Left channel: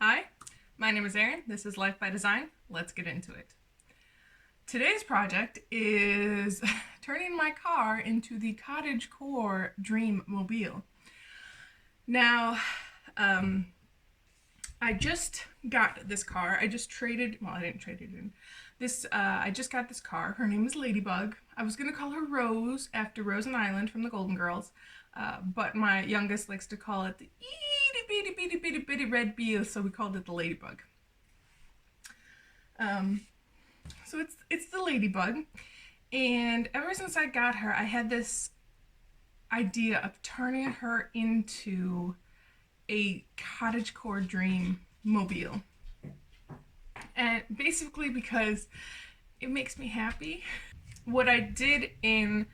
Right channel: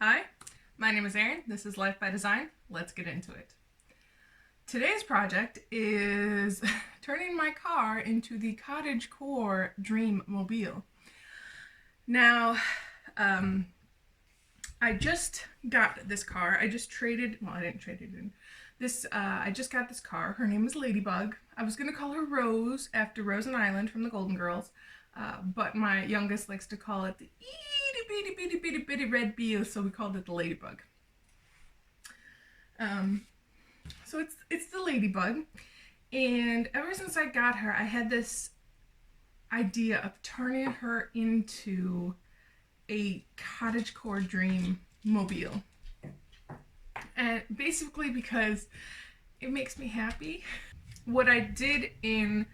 Hi, my name is Erin. This is Life by Design. Let's get into it. Today's project is turning my car into the Cottage Core Dream Mobile. Now, I just got this car. I just traded, well, I didn't trade it in. I just got this car. Her name is Ladybug. I was going to call her Rose after Rose and Island from the Golden Girls, but my youngest likes to call it the itty bitty bitty bitty bitty red bee, so we called it the Ladybug. So it's the Ladybug, and ever since I got her, I had this idea of turning her into a cottagecore dream mobile, and basically because it makes me happy. What I did in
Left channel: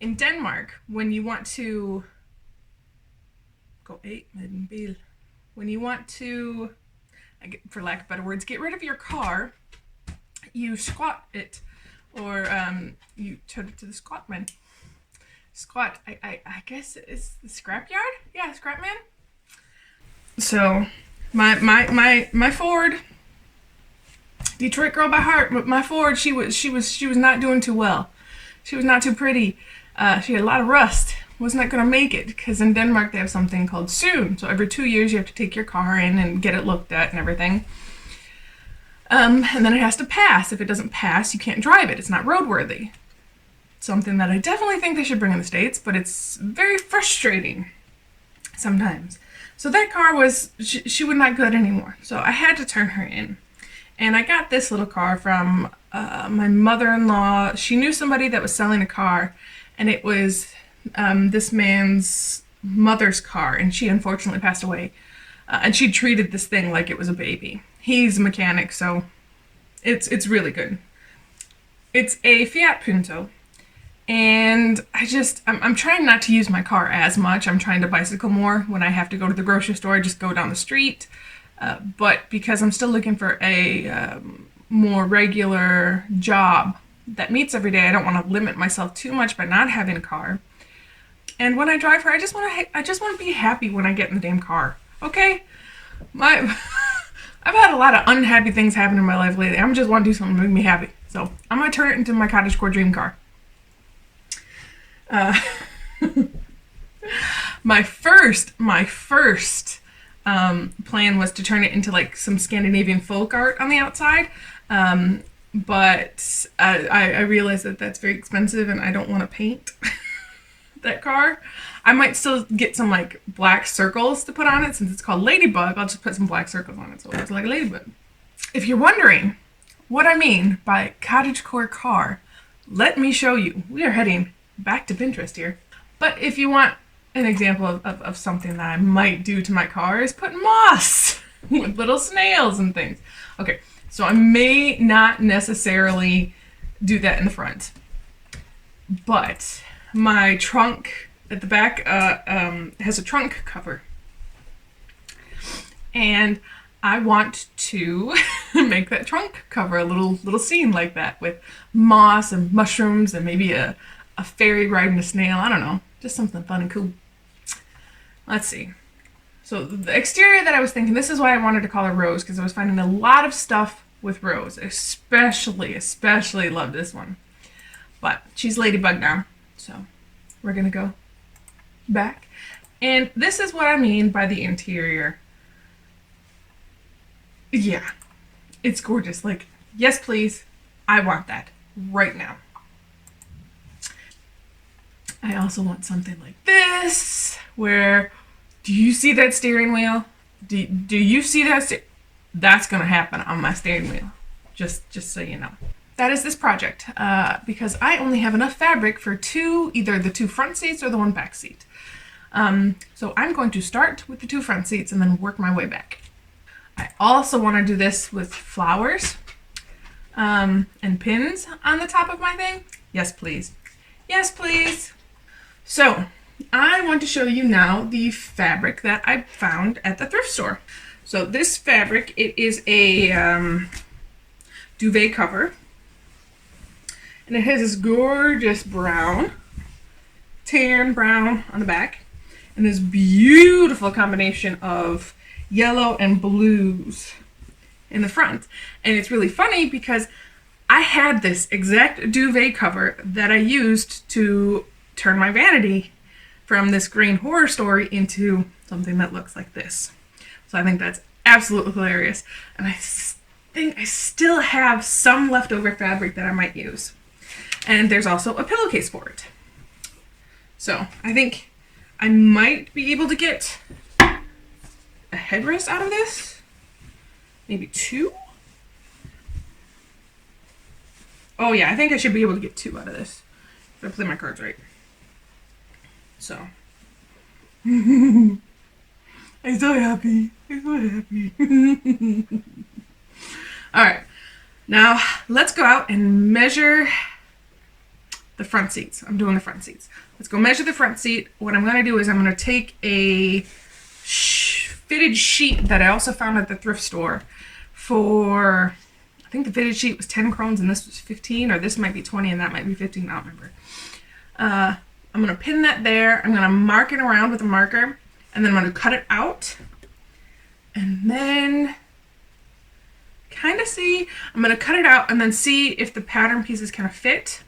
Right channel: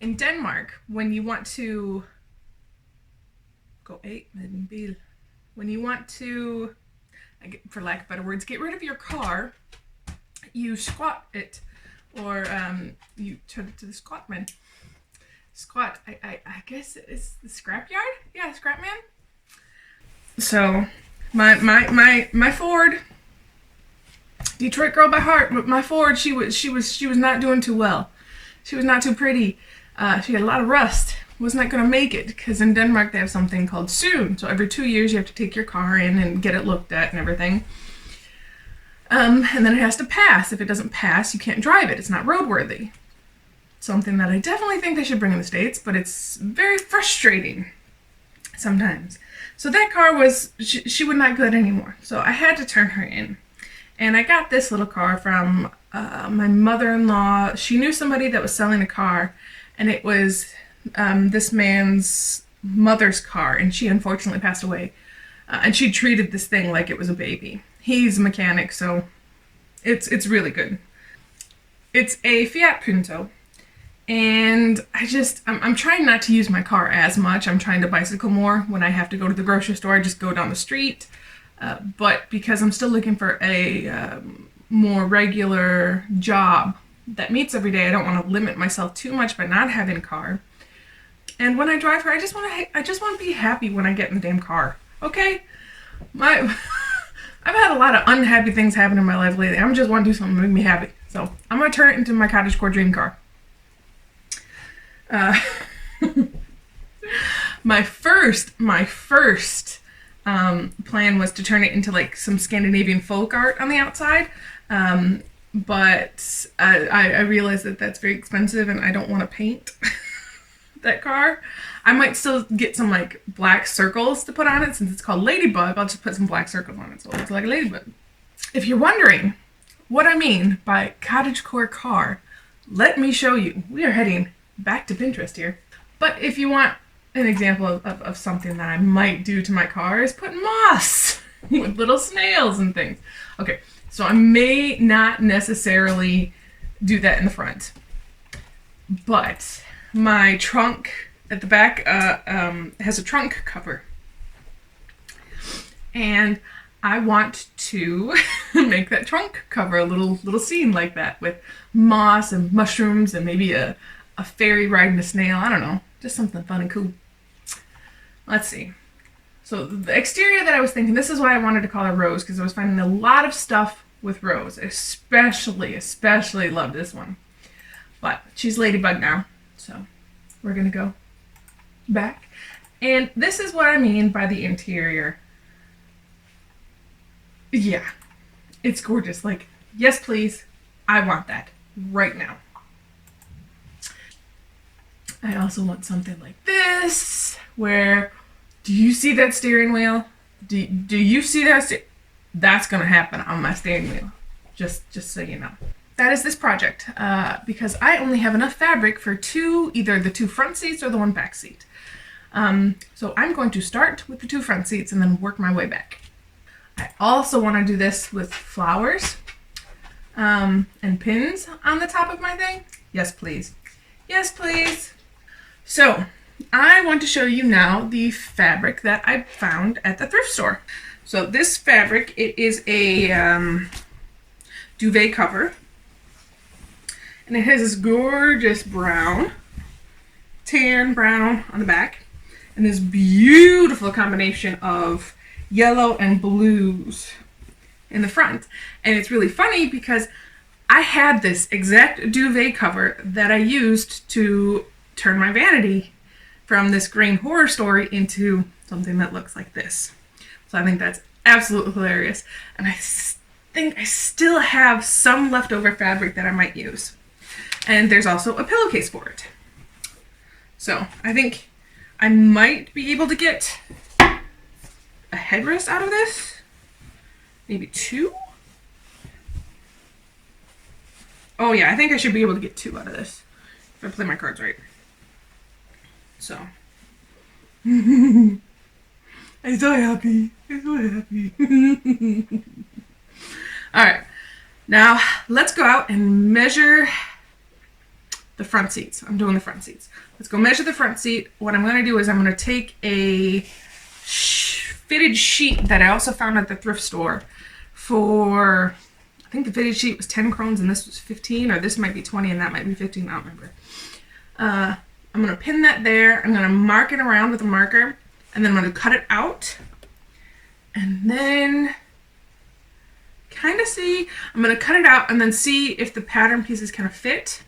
Denmark, when you want to when you want to, for lack of better words, get rid of your car, you squat it, or you turn it to the squat man. Squat, I guess it's the scrap yard? Yeah, scrap man. So my Ford, Detroit girl by heart, but my Ford, she was not doing too well. She was not too pretty. She had a lot of rust. Was not going to make it, because in Denmark they have something called soon. So every 2 years you have to take your car in and get it looked at and everything. And then it has to pass. If it doesn't pass, you can't drive it. It's not roadworthy. Something that I definitely think they should bring in the States, but it's very frustrating sometimes. So that car was, she was not good anymore. So I had to turn her in. And I got this little car from my mother-in-law. She knew somebody that was selling a car, and it was this man's mother's car, and she unfortunately passed away. And she treated this thing like it was a baby. He's a mechanic, so it's really good. It's a Fiat Punto, and I'm trying not to use my car as much. I'm trying to bicycle more. When I have to go to the grocery store, I just go down the street. But because I'm still looking for a more regular job that meets every day, I don't want to limit myself too much by not having a car. And when I drive her, I just want to be happy when I get in the damn car. Okay? I've had a lot of unhappy things happen in my life lately. I just want to do something to make me happy. So I'm going to turn it into my cottagecore dream car. My first plan was to turn it into like some Scandinavian folk art on the outside. But I realized that that's very expensive, and I don't want to paint that car. I might still get some like black circles to put on it. Since it's called Ladybug, I'll just put some black circles on it so it looks like a ladybug. If you're wondering what I mean by cottagecore car, let me show you. We are heading back to Pinterest here. But if you want an example of something that I might do to my car, is put moss with little snails and things. Okay, so I may not necessarily do that in the front, but my trunk at the back has a trunk cover, and I want to make that trunk cover a little scene like that, with moss and mushrooms and maybe a fairy riding a snail. I don't know, just something fun and cool. Let's see. So the exterior that I was thinking, this is why I wanted to call her Rose, because I was finding a lot of stuff with Rose. Especially love this one. But she's Ladybug now, so we're gonna go back. And this is what I mean by the interior. Yeah, it's gorgeous. Like, yes please, I want that right now. I also want something like this, where, do you see that steering wheel? Do you see that? That's gonna happen on my steering wheel. Just so you know. That is this project, because I only have enough fabric for either the two front seats or the one back seat. So I'm going to start with the two front seats and then work my way back. I also want to do this with flowers and pins on the top of my thing. Yes, please. Yes, please. So I want to show you now the fabric that I found at the thrift store. So this fabric, it is a duvet cover, and it has this gorgeous brown, tan brown on the back, and this beautiful combination of yellow and blues in the front. And it's really funny because I had this exact duvet cover that I used to turn my vanity from this green horror story into something that looks like this. So I think that's absolutely hilarious. And I think I still have some leftover fabric that I might use. And there's also a pillowcase for it. So I think I might be able to get a headrest out of this. Maybe 2. Oh yeah, I think I should be able to get 2 out of this if I play my cards right. So. I'm so happy. I'm so happy. Alright. Now, let's go out and measure the front seats. I'm doing the front seats. Let's go measure the front seat. What I'm going to do is I'm going to take a fitted sheet that I also found at the thrift store for, I think the fitted sheet was 10 crowns and this was 15, or this might be 20 and that might be 15, I don't remember. I'm going to pin that there. I'm going to mark it around with a marker, and then I'm going to cut it out. And then kind of see, I'm going to cut it out and then see if the pattern pieces kind of fit.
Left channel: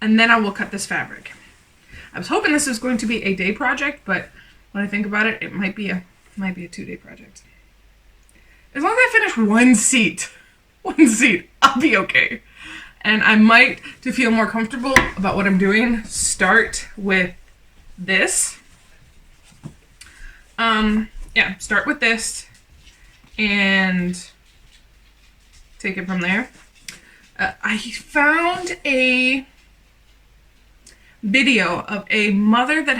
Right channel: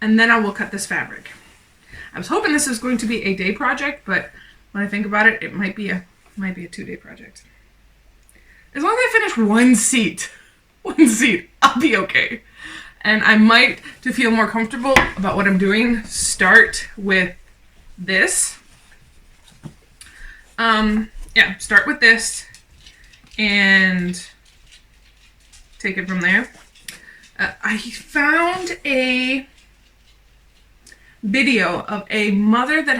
And then I will cut this fabric. I was hoping this was going to be a day project, but when I think about it, it might be a 2-day project. As long as I finish one seat, I'll be okay. And I might, to feel more comfortable about what I'm doing, start with this. Yeah, start with this and take it from there. I found a video of a mother that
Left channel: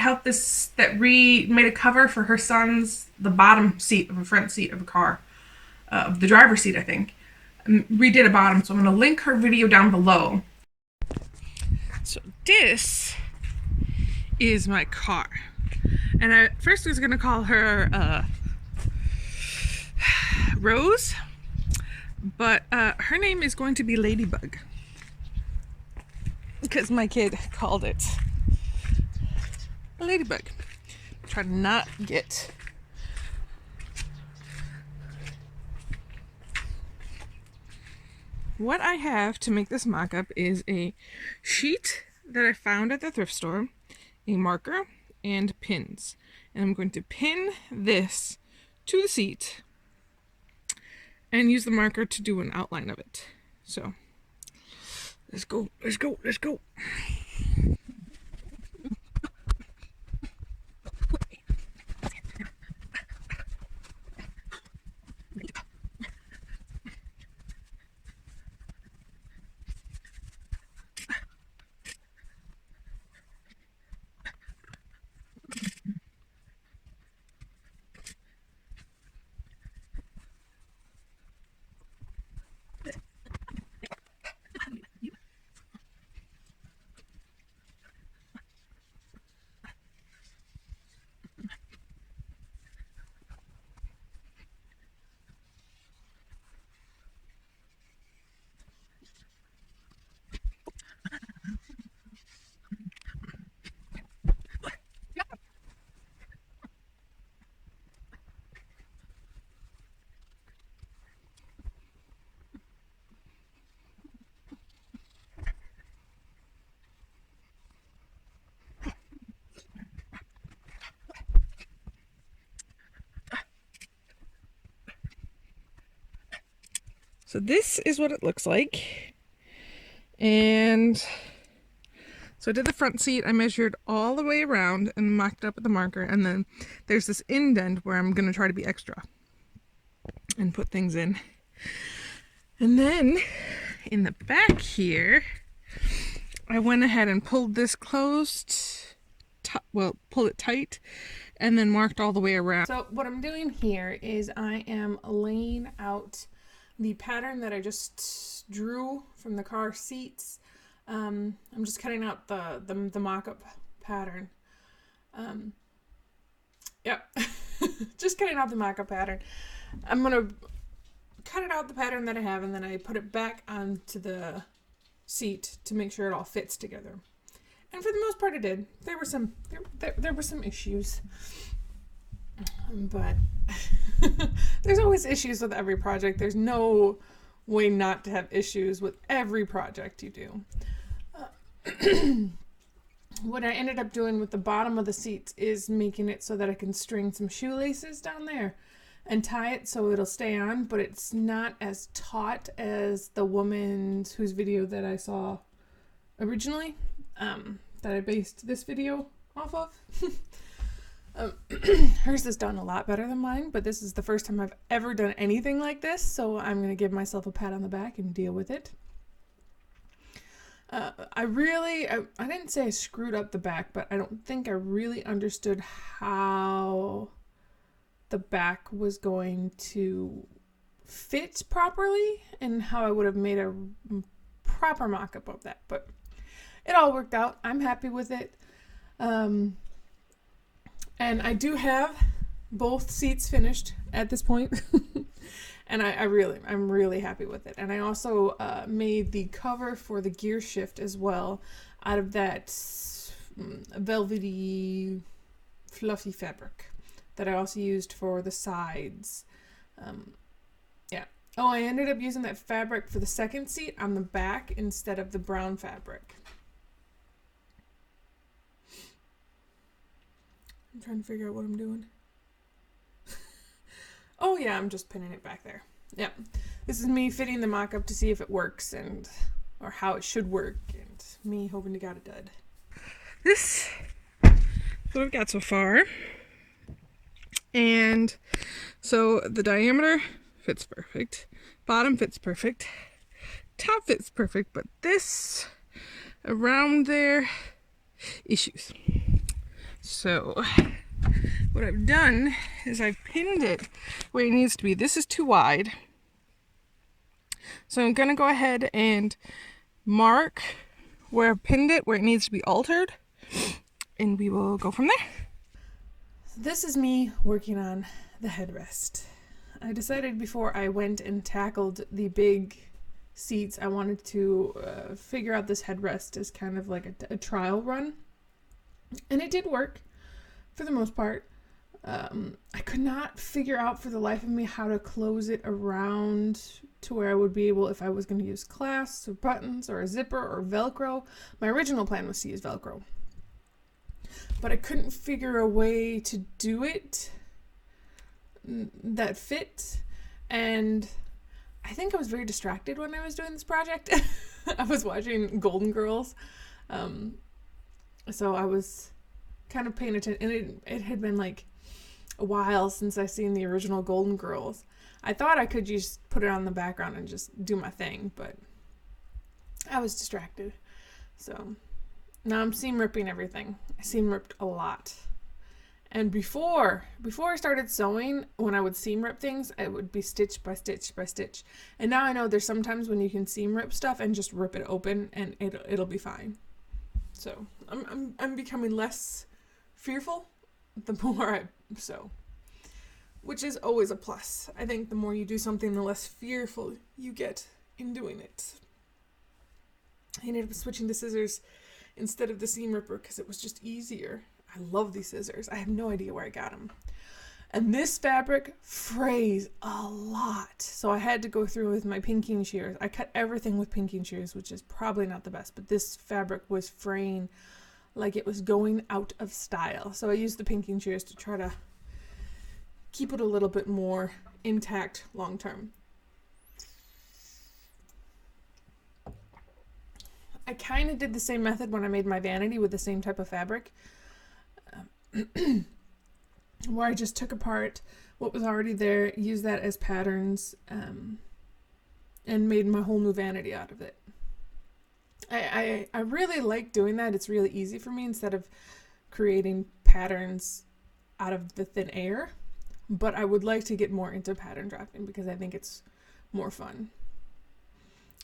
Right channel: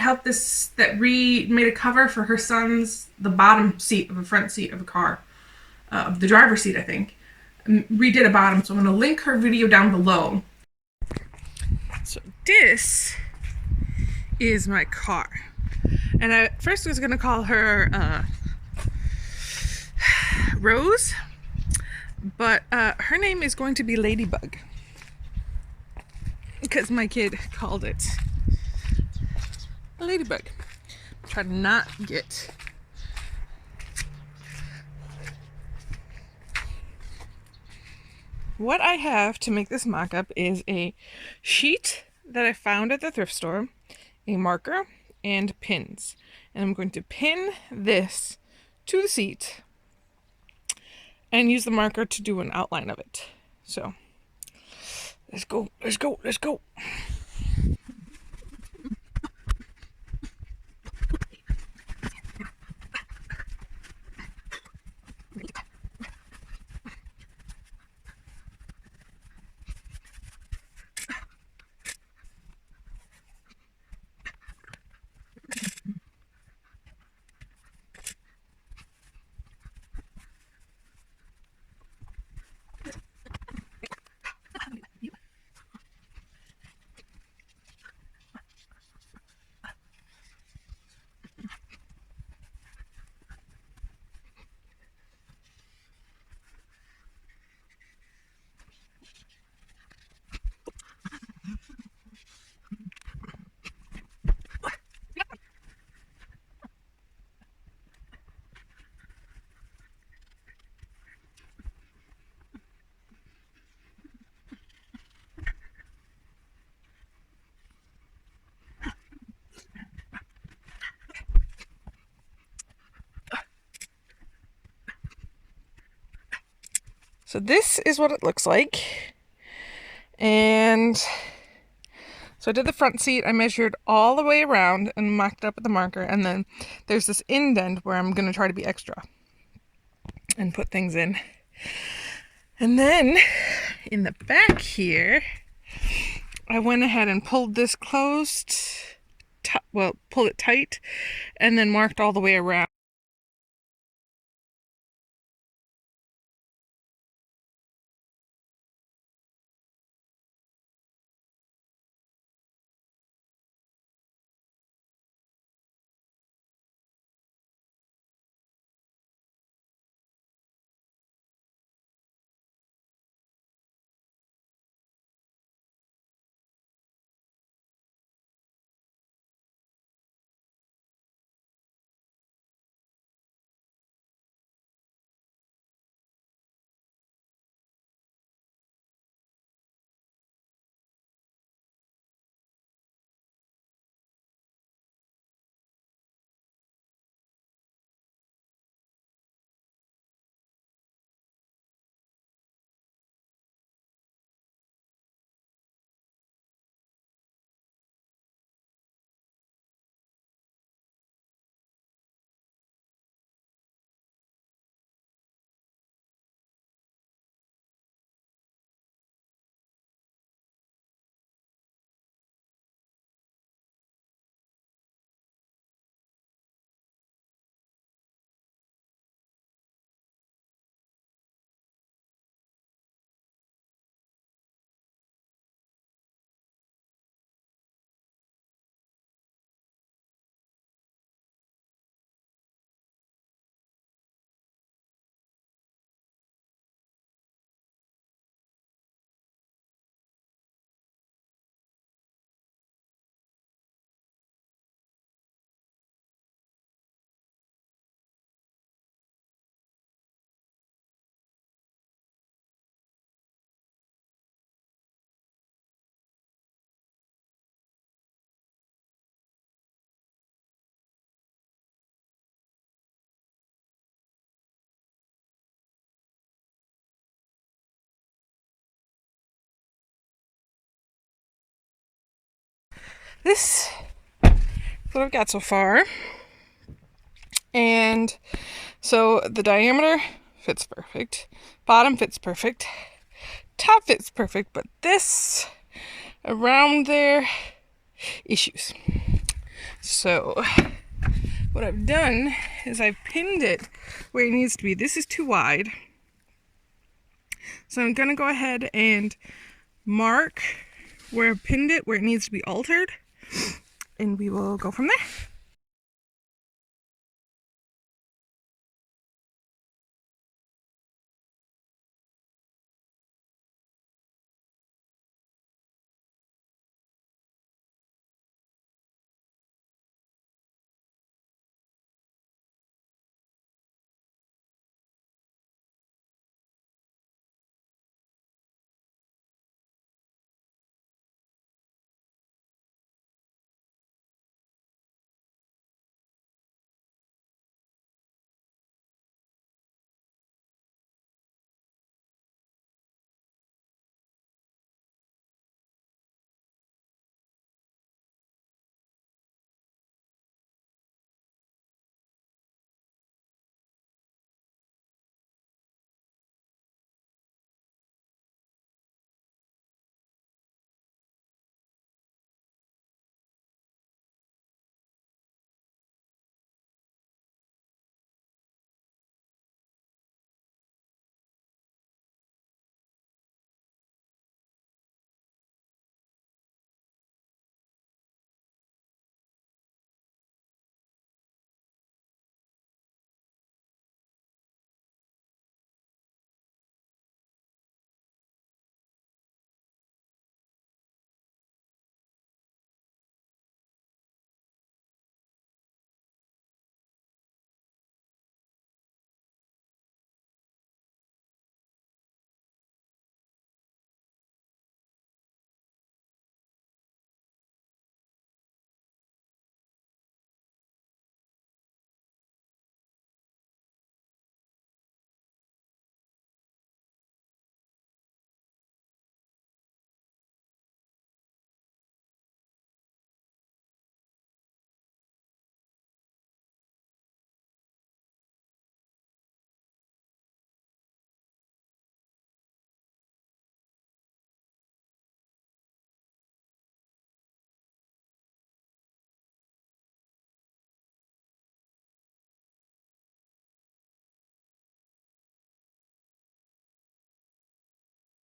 made a cover for her son's, the bottom seat of a front seat of a car, of the driver's seat, I think. Redid a bottom, so I'm going to link her video down below. So this is my car, and I first was going to call her Rose, but her name is going to be Ladybug because my kid called it a ladybug. Try to not get what I have to make this mock-up is a sheet that I found at the thrift store, a marker, and pins. And I'm going to pin this to the seat and use the marker to do an outline of it. So, let's go, let's go, let's go. So this is what it looks like. And so I did the front seat. I measured all the way around and marked it up with the marker. And then there's this indent where I'm going to try to be extra and put things in. And then in the back here, I went ahead and pulled this closed, pulled it tight, and then marked all the way around. So what I'm doing here is I am laying out the pattern that I just drew from the car seats. I'm just cutting out the mock-up pattern. Yep, just cutting out the mock-up pattern. I'm gonna cut it out the pattern that I have, and then I put it back onto the seat to make sure it all fits together. And for the most part, it did. There were some issues, but there's always issues with every project. There's no way not to have issues with every project you do. What I ended up doing with the bottom of the seats is making it so that I can string some shoelaces down there and tie it so it'll stay on, but it's not as taut as the woman whose video that I saw originally, that I based this video off of. Hers is done a lot better than mine, but this is the first time I've ever done anything like this, so I'm going to give myself a pat on the back and deal with it. I didn't say I screwed up the back, but I don't think I really understood how the back was going to fit properly and how I would have made a proper mock-up of that, but it all worked out. I'm happy with it. And I do have both seats finished at this point. And I'm really happy with it. And I also made the cover for the gear shift as well out of that velvety, fluffy fabric that I also used for the sides. Yeah. Oh, I ended up using that fabric for the second seat on the back instead of the brown fabric. I'm trying to figure out what I'm doing. Oh yeah, I'm just pinning it back there. Yeah. This is me fitting the mock-up to see if it works or how it should work, and me hoping to God it did. This is what I've got so far. And so the diameter fits perfect. Bottom fits perfect. Top fits perfect, but this around there, issues. So what I've done is I've pinned it where it needs to be. This is too wide. So I'm going to go ahead and mark where I've pinned it, where it needs to be altered. And we will go from there. This is me working on the headrest. I decided before I went and tackled the big seats, I wanted to figure out this headrest as kind of like a trial run. And it did work for the most part. I could not figure out for the life of me how to close it around to where I would be able, if I was going to use clasps or buttons or a zipper or Velcro. My original plan was to use Velcro. But I couldn't figure a way to do it that fit. And I think I was very distracted when I was doing this project. I was watching Golden Girls. So I was kind of paying attention. And it had been like a while since I seen the original Golden Girls. I thought I could just put it on the background and just do my thing, but I was distracted. So now I'm seam ripping everything. I seam ripped a lot. And before I started sewing, when I would seam rip things, it would be stitch by stitch by stitch. And now I know there's sometimes when you can seam rip stuff and just rip it open and it'll be fine. So I'm becoming less fearful the more I sew, which is always a plus. I think the more you do something, the less fearful you get in doing it. I ended up switching to scissors instead of the seam ripper because it was just easier. I love these scissors. I have no idea where I got them. And this fabric frays a lot. So I had to go through with my pinking shears. I cut everything with pinking shears, which is probably not the best, but this fabric was fraying like it was going out of style. So I used the pinking shears to try to keep it a little bit more intact long term. I kind of did the same method when I made my vanity with the same type of fabric, where I just took apart what was already there, used that as patterns, and made my whole new vanity out of it. I really like doing that. It's really easy for me instead of creating patterns out of the thin air. But I would like to get more into pattern drafting because I think it's more fun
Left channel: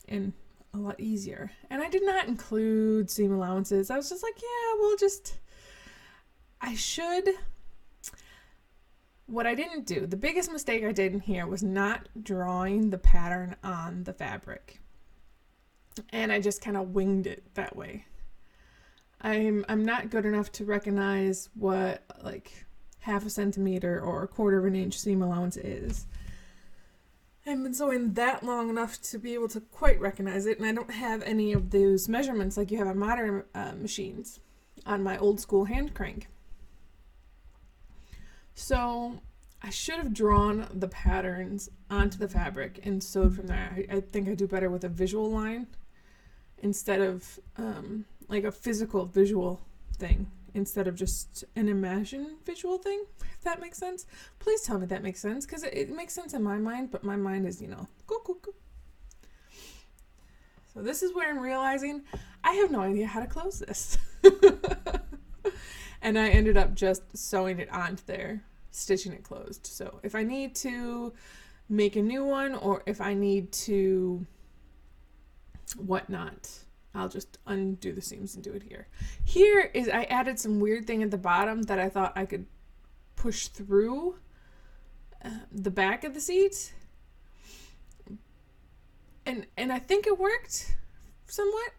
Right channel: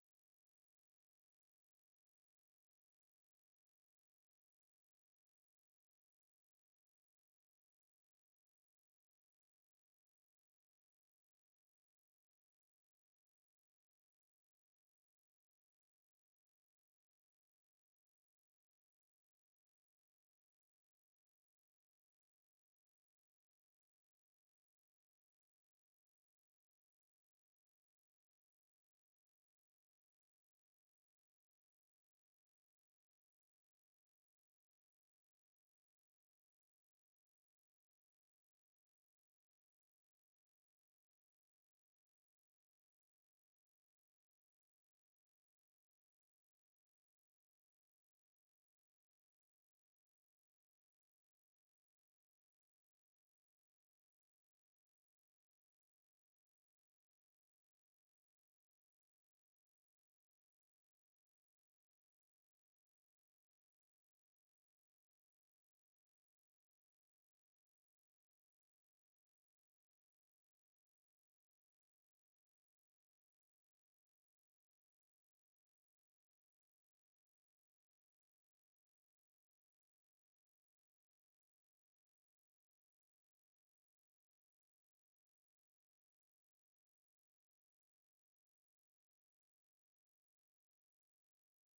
and a lot easier. And I did not include seam allowances. I was just like, what I didn't do, the biggest mistake I did in here was not drawing the pattern on the fabric. And I just kind of winged it that way. I'm not good enough to recognize what, like, half a centimeter or a quarter of an inch seam allowance is. I haven't been sewing that long enough to be able to quite recognize it, and I don't have any of those measurements like you have on modern machines on my old school hand crank. So I should have drawn the patterns onto the fabric and sewed from there. I think I do better with a visual line instead of like a physical visual thing instead of just an imagined visual thing, if that makes sense. Please tell me that makes sense, because it makes sense in my mind, but my mind is, go. So this is where I'm realizing I have no idea how to close this. And I ended up just sewing it onto there, stitching it closed. So if I need to make a new one, or if I need to whatnot, I'll just undo the seams and do it here. Here is, I added some weird thing at the bottom that I thought I could push through the back of the seat. And I think it worked somewhat.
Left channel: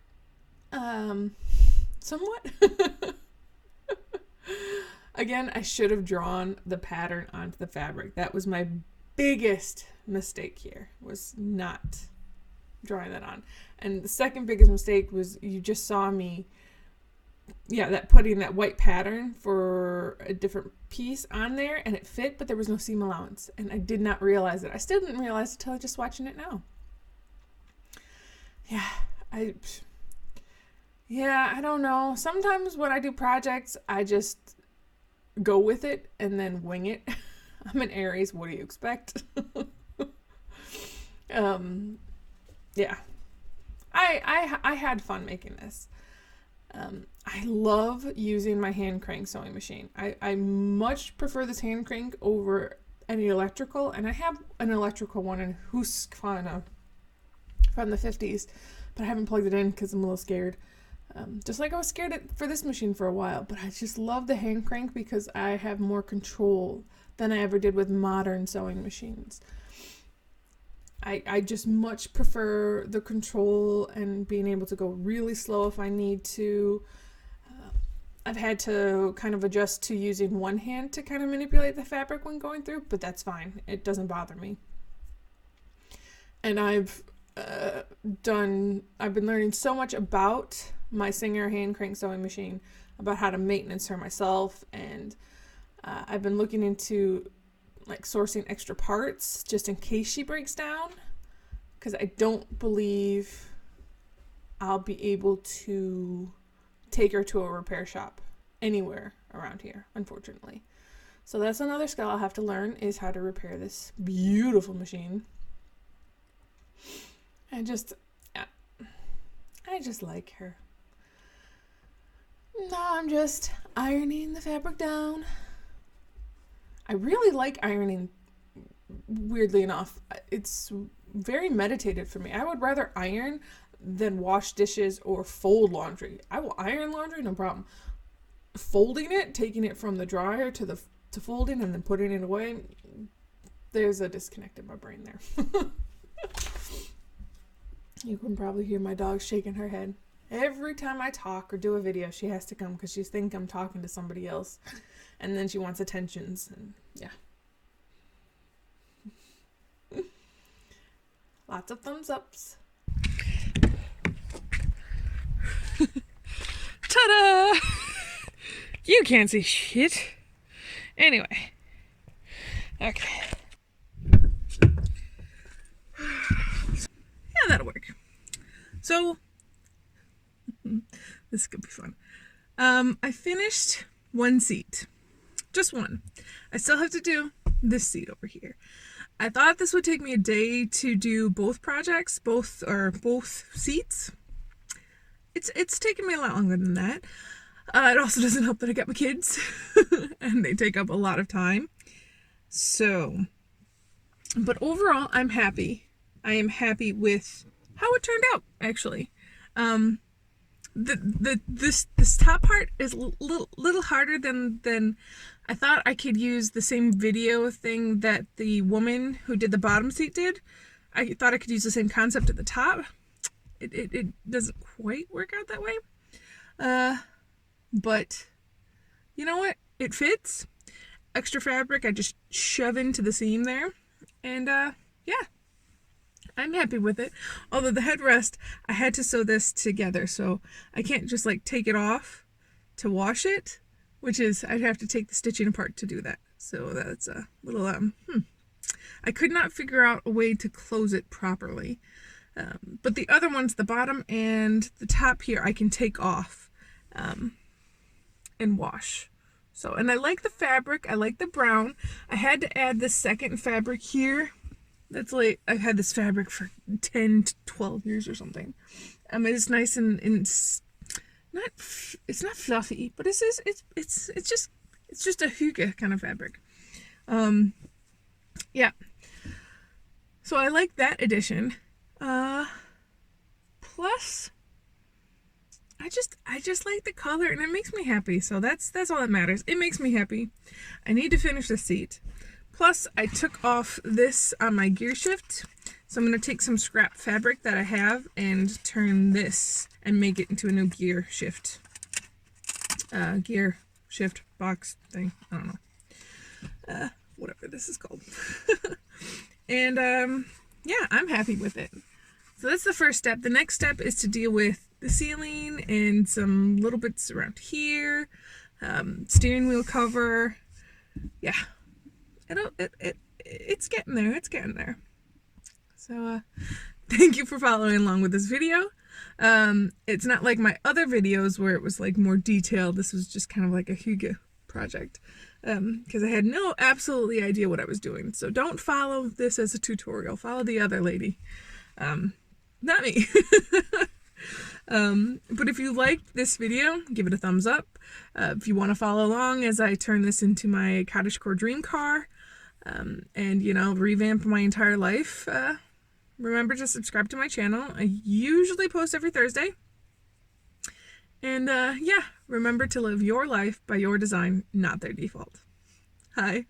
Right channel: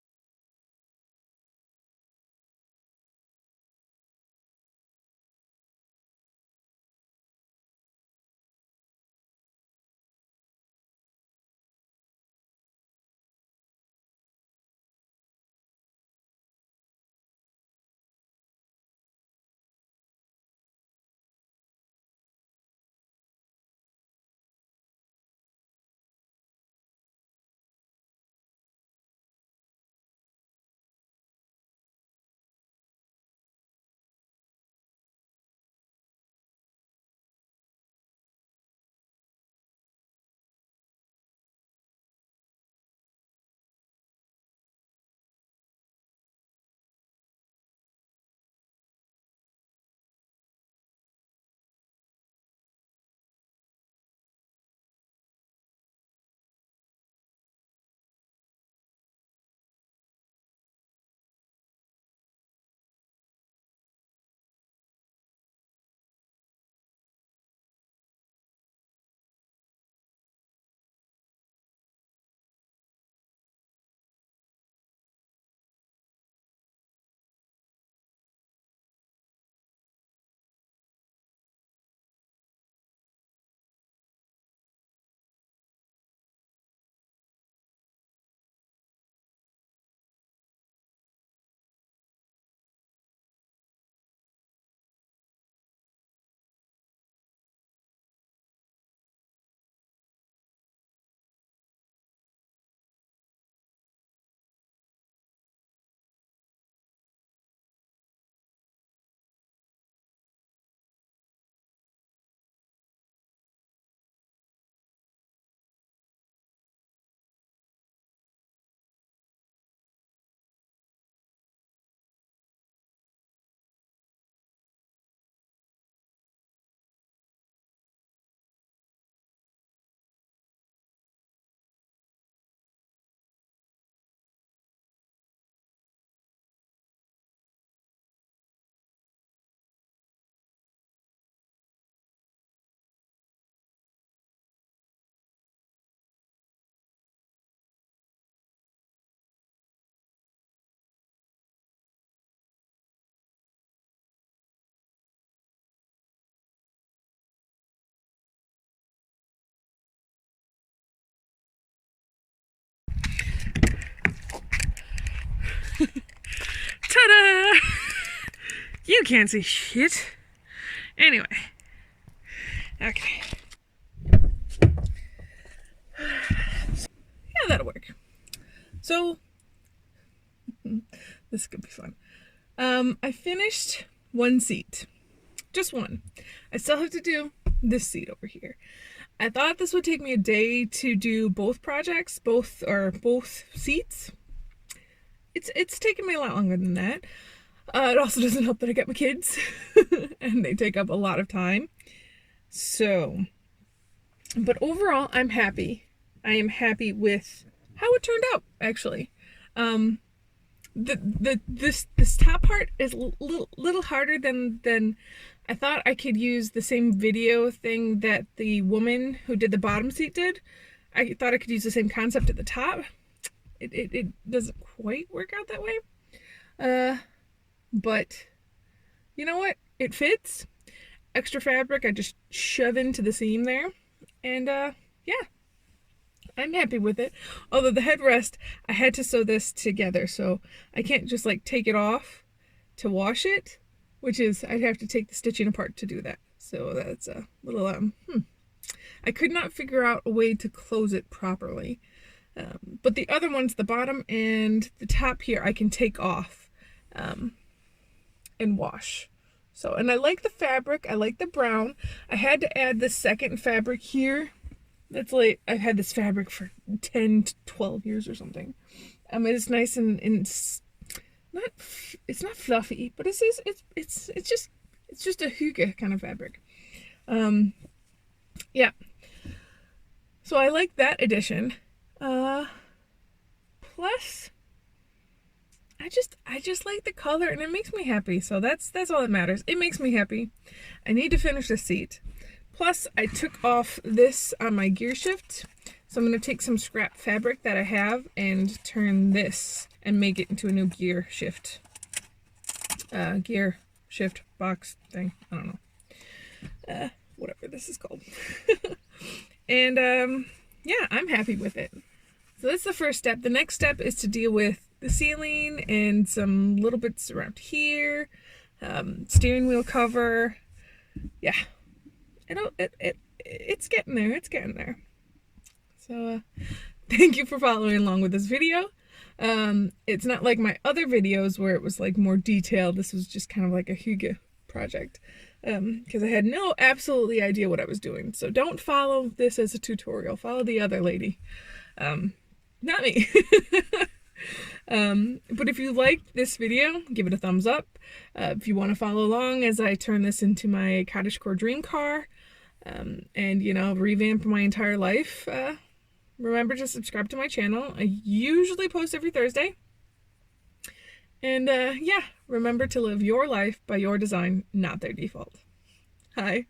Somewhat. Again, I should have drawn the pattern onto the fabric. That was my biggest mistake here, was not drawing that on. And the second biggest mistake was, you just saw me, putting that white pattern for a different piece on there, and it fit, but there was no seam allowance. And I did not realize it. I still didn't realize it until just watching it now. I don't know. Sometimes when I do projects, I just go with it and then wing it. I'm an Aries. What do you expect? I had fun making this. I love using my hand crank sewing machine. I much prefer this hand crank over any electrical, and I have an electrical one in Husqvarna from the 50s, but I haven't plugged it in because I'm a little scared. Just like I was scared for this machine for a while, but I just love the hand crank because I have more control than I ever did with modern sewing machines. I just much prefer the control and being able to go really slow if I need to. I've had to kind of adjust to using one hand to kind of manipulate the fabric when going through, but that's fine. It doesn't bother me. And I've been learning so much about my Singer hand crank sewing machine, about how to maintenance her myself, and I've been looking into like sourcing extra parts just in case she breaks down, because I don't believe I'll be able to take her to a repair shop anywhere around here, unfortunately. So that's another skill I'll have to learn, is how to repair this beautiful machine. I just like her. Now I'm just ironing the fabric down. I really like ironing, weirdly enough. It's very meditative for me. I would rather iron than wash dishes or fold laundry. I will iron laundry, no problem. Folding it, taking it from the dryer to folding and then putting it away, there's a disconnect in my brain there. You can probably hear my dog shaking her head. Every time I talk or do a video, she has to come because she thinks I'm talking to somebody else. And then she wants attentions. And yeah. Lots of thumbs ups. Ta-da! You can't see shit. Anyway. Okay. Yeah, that'll work. So, this could be fun. I finished one seat. Just one. I still have to do this seat over here. I thought this would take me a day to do both projects, both seats. It's taken me a lot longer than that. It also doesn't help that I got my kids and they take up a lot of time. So, but overall, I'm happy. I am happy with how it turned out, actually. This top part is a little harder than I thought. I could use the same video thing that the woman who did the bottom seat did. I thought I could use the same concept at the top. It doesn't quite work out that way. But you know what? It fits. extra fabric I just shove into the seam there. And yeah, I'm happy with it. Although the headrest, I had to sew this together, so I can't just like take it off to wash it, which is, I'd have to take the stitching apart to do that. So that's a little, I could not figure out a way to close it properly. But the other ones, the bottom and the top here, I can take off and wash. So, and I like the fabric. I like the brown. I had to add the second fabric here. That's like, I've had this fabric for 10 to 12 years or something. It's nice and it's not fluffy, but it's just a hygge kind of fabric. Yeah. So I like that addition. Plus, I just like the color and it makes me happy. So that's all that matters. It makes me happy. I need to finish the seat. Plus, I took off this on my gear shift. So I'm going to take some scrap fabric that I have and turn this and make it into a new gear shift box thing. I don't know. Whatever this is called. And yeah, I'm happy with it. So that's the first step. The next step is to deal with the ceiling and some little bits around here. Steering wheel cover. Yeah. It's getting there. It's getting there. So thank you for following along with this video. It's not like my other videos where it was like more detailed. This was just kind of like a hygge project. Because I had no absolutely idea what I was doing. So don't follow this as a tutorial. Follow the other lady. Not me. But if you liked this video, give it a thumbs up. If you want to follow along as I turn this into my cottagecore dream car, and, you know, revamp my entire life, remember to subscribe to my channel. I usually post every Thursday. And yeah, remember to live your life by your design, not their default. Hi.